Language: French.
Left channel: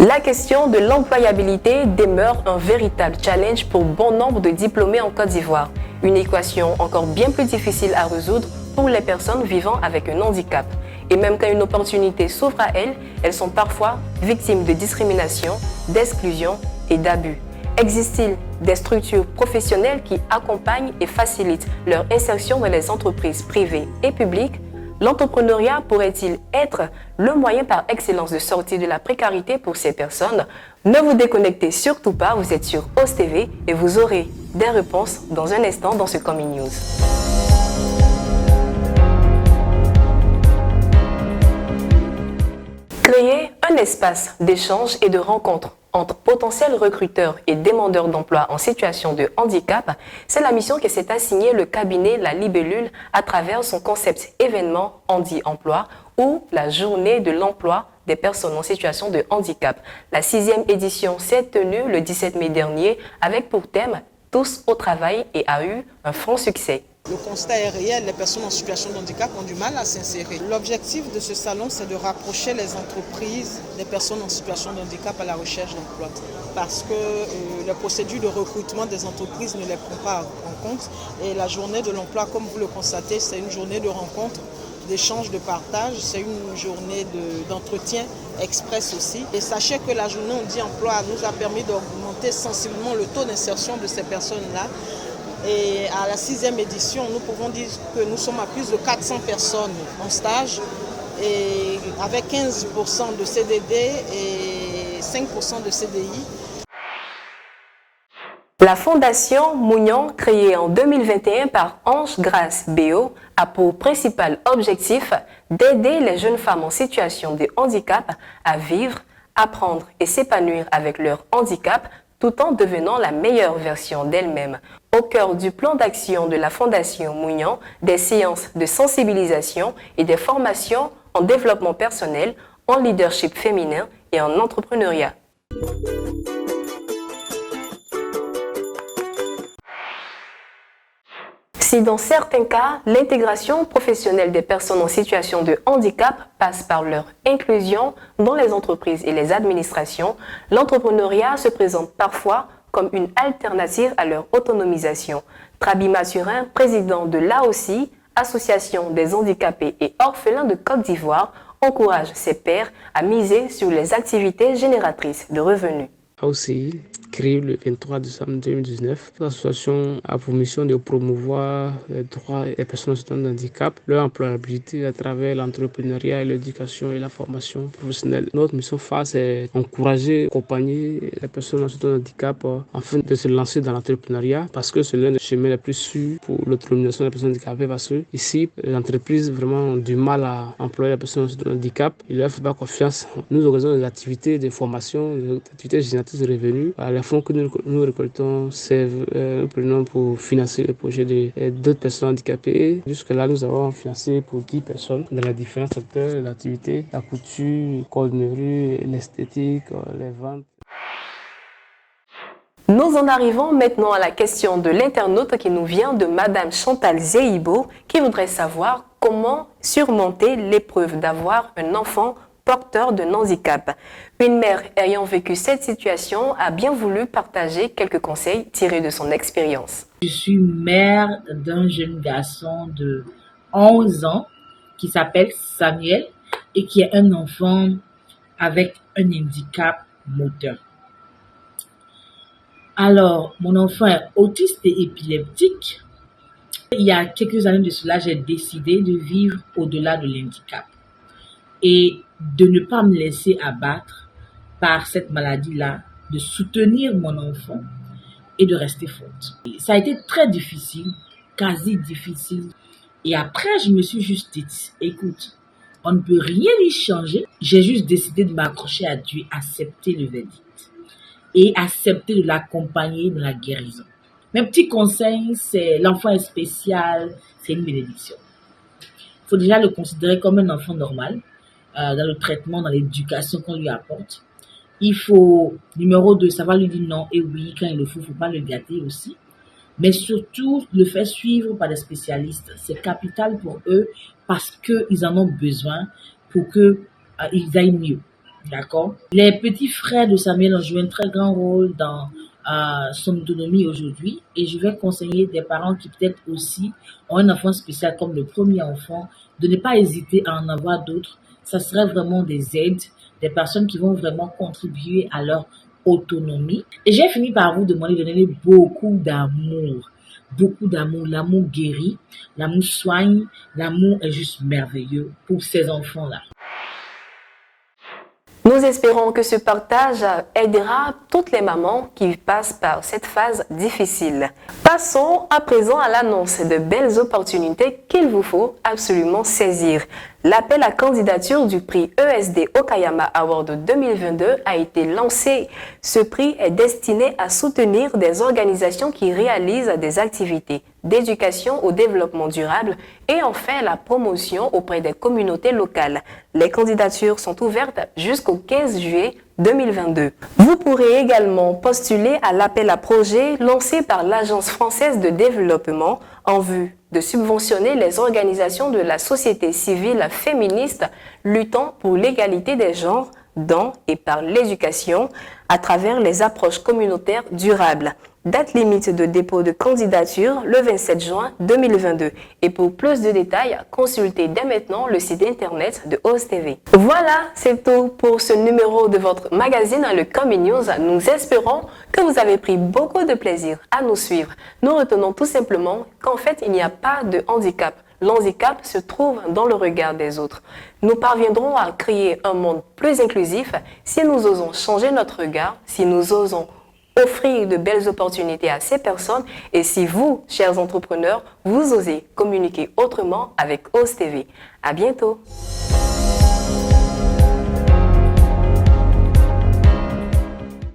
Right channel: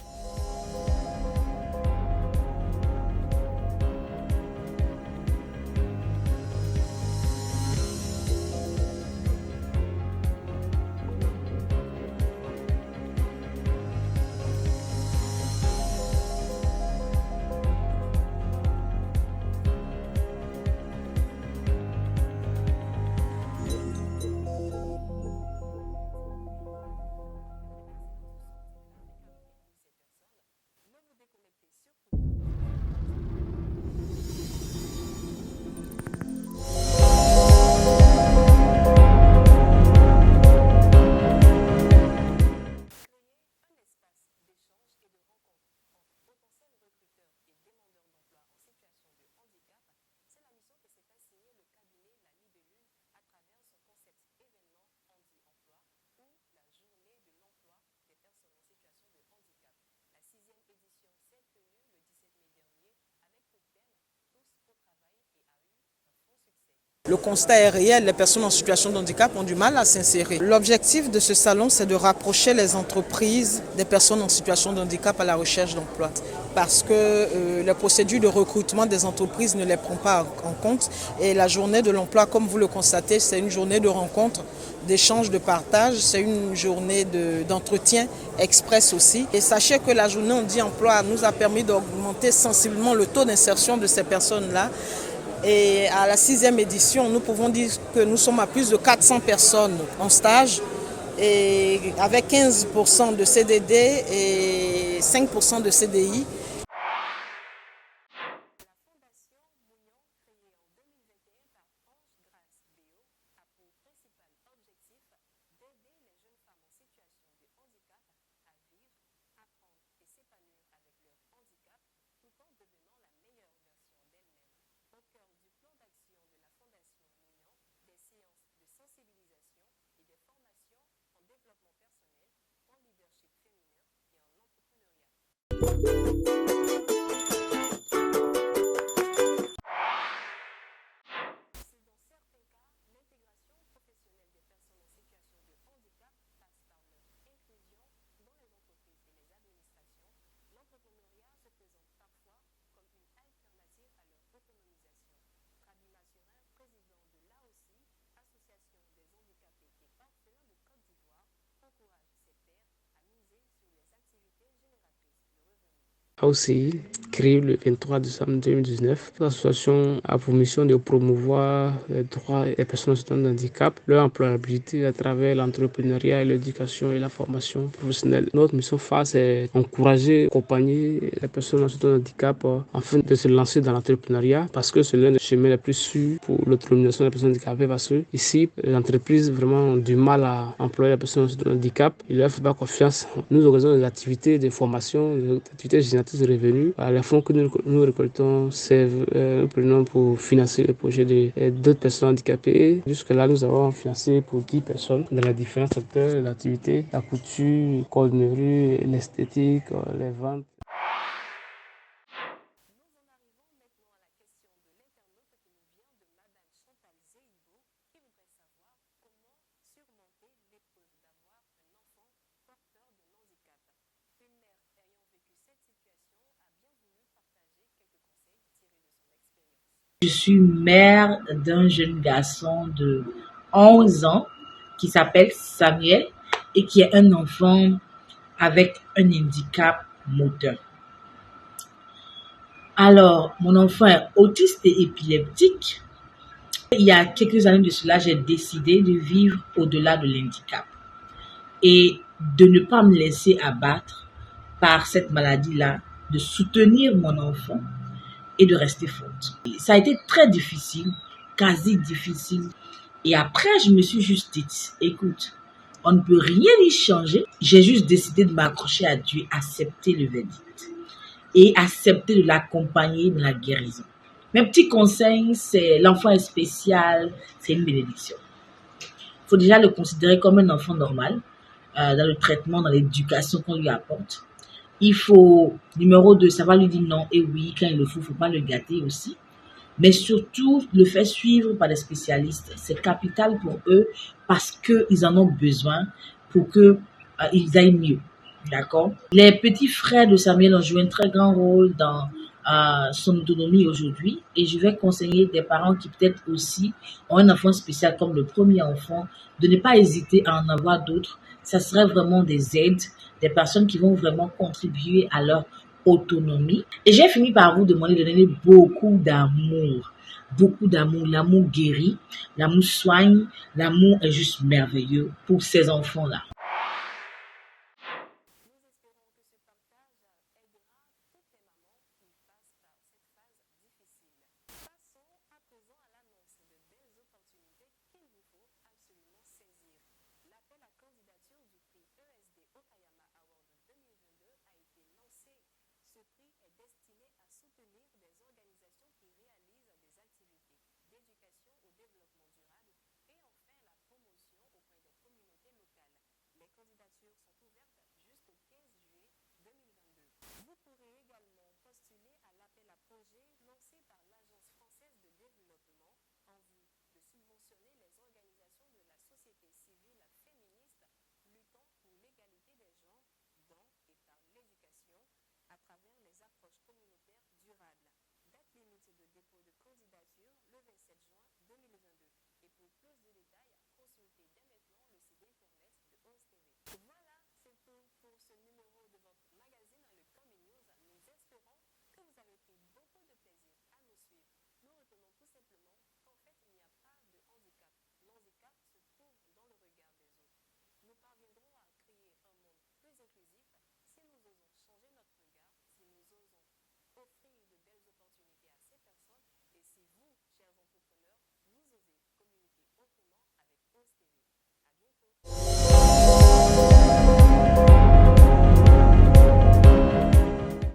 La question de l'employabilité demeure un véritable challenge pour bon nombre de diplômés en Côte d'Ivoire. Une équation encore bien plus difficile à résoudre pour les personnes vivant avec un handicap. Et même quand une opportunité s'offre à elles, elles sont parfois victimes de discrimination, d'exclusion et d'abus. Existe-t-il des structures professionnelles qui accompagnent et facilitent leur insertion dans les entreprises privées et publiques? L'entrepreneuriat pourrait-il être le moyen par excellence de sortir de la précarité pour ces personnes? Ne vous déconnectez surtout pas, vous êtes sur OS TV et vous aurez des réponses dans un instant dans ce Coming News. Créer un espace d'échange et de rencontre entre potentiels recruteurs et demandeurs d'emploi en situation de handicap, c'est la mission que s'est assignée le cabinet La Libellule à travers son concept événement Handi Emploi ou la journée de l'emploi des personnes en situation de handicap. La 6e édition s'est tenue le 17 mai dernier avec pour thème « Tous au travail » et a eu un franc succès. Le constat est réel, les personnes en situation de handicap ont du mal à s'insérer. L'objectif de ce salon, c'est de rapprocher les entreprises des personnes en situation de handicap à la recherche d'emploi. Parce que les procédures de recrutement des entreprises ne les prend pas en compte. Et la journée de l'emploi, comme vous le constatez, c'est une journée de rencontre, d'échange, de partage. C'est une journée d'entretien express aussi. Et sachez que la journée Handi Emploi nous a permis d'augmenter sensiblement le taux d'insertion de ces personnes-là. Et à la 6e édition, nous pouvons dire que nous sommes à plus de 400 personnes en stage et avec 15% de CDD et 5% de CDI. La Fondation Mounion, créée en 2021 par Ange Grâce Béo, a pour principal objectif d'aider les jeunes femmes en situation de handicap à vivre, apprendre et s'épanouir avec leur handicap tout en devenant la meilleure version d'elle-même. Au cœur du plan d'action de la Fondation Mounion, des séances de sensibilisation et des formations en développement personnel, en leadership féminin et en entrepreneuriat. Si dans certains cas, l'intégration professionnelle des personnes en situation de handicap passe par leur inclusion dans les entreprises et les administrations, l'entrepreneuriat se présente parfois comme une alternative à leur autonomisation. Trabi Mathurin, président de l'AOSI, Association des handicapés et orphelins de Côte d'Ivoire, encourage ses pairs à miser sur les activités génératrices de revenus. AOCI, créée le 23 décembre 2019, l'association a pour mission de promouvoir les droits des personnes en situation de handicap, leur employabilité à travers l'entrepreneuriat, l'éducation et la formation professionnelle. Notre mission phare, c'est encourager, accompagner les personnes en situation de handicap afin de se lancer dans l'entrepreneuriat parce que c'est l'un des chemins les plus sûrs pour l'autonomisation des personnes handicapées parce que ici, les entreprises vraiment ont du mal à employer les personnes en situation de handicap. Ils ne leur font pas confiance. Nous organisons des activités de formation, des activités génératrices de revenus. Les fonds que nous récoltons servent prenons pour financer le projet d'autres personnes handicapées. Jusque-là, nous avons financé pour 10 personnes dans les différents secteurs d'activité, la couture, la cordonnerie, l'esthétique, les ventes. Nous en arrivons maintenant à la question de l'internaute qui nous vient de Madame Chantal Zeibo qui voudrait savoir comment surmonter l'épreuve d'avoir un enfant porteur d'un handicap. Une mère ayant vécu cette situation a bien voulu partager quelques conseils tirés de son expérience. Je suis mère d'un jeune garçon de 11 ans qui s'appelle Samuel et qui est un enfant avec un handicap moteur. Alors, mon enfant est autiste et épileptique. Il y a quelques années de cela, j'ai décidé de vivre au-delà de l'handicap et de ne pas me laisser abattre par cette maladie-là, de soutenir mon enfant et de rester forte. Ça a été très difficile, quasi difficile. Et après, je me suis juste dit, écoute, on ne peut rien y changer. J'ai juste décidé de m'accrocher à Dieu, accepter le verdict et accepter de l'accompagner dans la guérison. Mes petits conseils, c'est l'enfant est spécial, c'est une bénédiction. Il faut déjà le considérer comme un enfant normal, dans le traitement, dans l'éducation qu'on lui apporte. Il faut, numéro 2, savoir lui dire non et oui quand il le faut pas le gâter aussi. Mais surtout, le faire suivre par des spécialistes. C'est capital pour eux parce qu'ils en ont besoin pour qu'ils aillent mieux. D'accord? Les petits frères de Samuel ont joué un très grand rôle dans son autonomie aujourd'hui et je vais conseiller des parents qui peut-être aussi ont un enfant spécial comme le premier enfant de ne pas hésiter à en avoir d'autres. Ça serait vraiment des aides, des personnes qui vont vraiment contribuer à leur autonomie. Et j'ai fini par vous demander de donner beaucoup d'amour. Beaucoup d'amour. L'amour guérit, l'amour soigne, l'amour est juste merveilleux pour ces enfants-là. Nous espérons que ce partage aidera toutes les mamans qui passent par cette phase difficile. Passons à présent à l'annonce de belles opportunités qu'il vous faut absolument saisir. L'appel à candidature du prix ESD Okayama Award 2022 a été lancé. Ce prix est destiné à soutenir des organisations qui réalisent des activités d'éducation au développement durable et en fait la promotion auprès des communautés locales. Les candidatures sont ouvertes jusqu'au 15 juillet 2022. Vous pourrez également postuler à l'appel à projet lancé par l'Agence française de développement en vue de subventionner les organisations de la société civile féministe luttant pour l'égalité des genres dans et par l'éducation à travers les approches communautaires durables. Date limite de dépôt de candidature le 27 juin 2022. Et pour plus de détails, consultez dès maintenant le site internet de OSTV. Voilà, c'est tout pour ce numéro de votre magazine Le Coming News. Nous espérons que vous avez pris beaucoup de plaisir à nous suivre. Nous retenons tout simplement qu'en fait, il n'y a pas de handicap. L'handicap se trouve dans le regard des autres. Nous parviendrons à créer un monde plus inclusif si nous osons changer notre regard, si nous osons offrir de belles opportunités à ces personnes et si vous, chers entrepreneurs, vous osez communiquer autrement avec OSTV. À bientôt.